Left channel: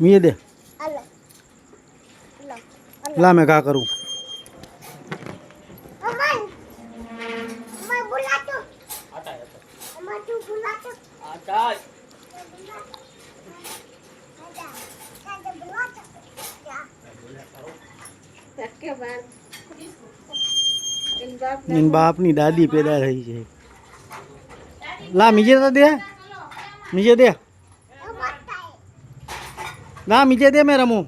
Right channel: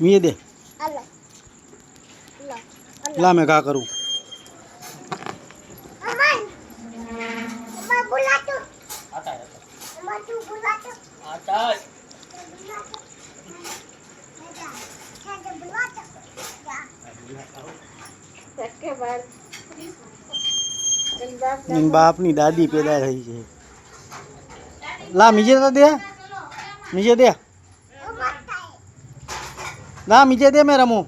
ये दे ला मैं क्या करूँ इन बाप नी दादी पैदा थई छे ला मीजे तो दे मीजे दे ला मीजे दे मैं रमू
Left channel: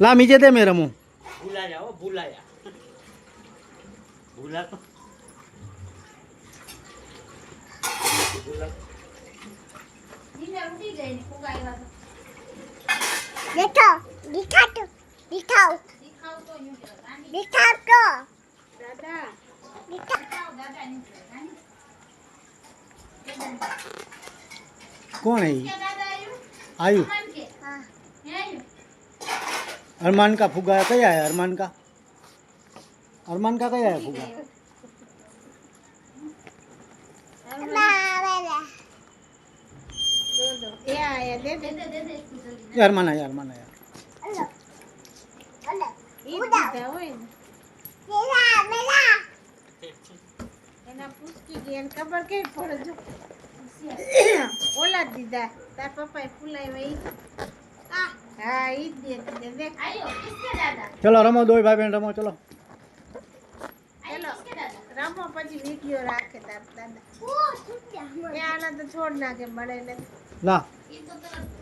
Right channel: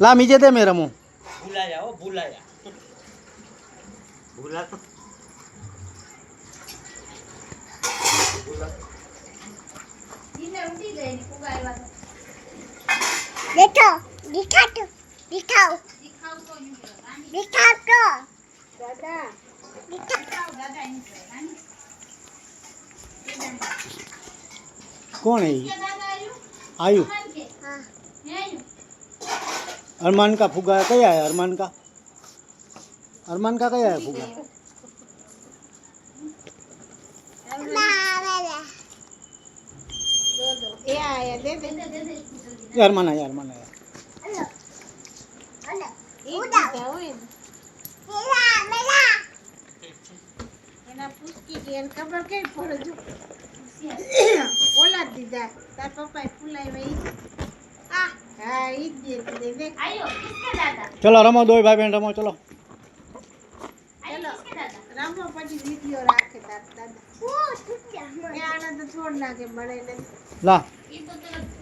ला मीजे दे मैं रमू भूला जाओ भूला जा भूला तो देखो दिखा तो दिखाओ दिखाओ तो दादा दिखाओ दादा कौन है ये आयु हाँ अरमान का फुग्गा क्या है अरमान का क्या है फुग्गा ये आया दे दे ये अरमान आया उड़ा मेरा मेरा એના પૂછકી બેન ખબર કે પડે ઓલા દીધા તાર પપ્પાએ ફૂલાવ્યા ઈ હા ઈ દે દે આયો કિસકે દાદા चलो रमो दो भाई बहन रमो चलो ચલો રામો પછી વિડિયો રાખે તાર દાદા ઓ છૂટ્યા મને આના તો છોડ લાગે મળે ને ला ઈ તો તરત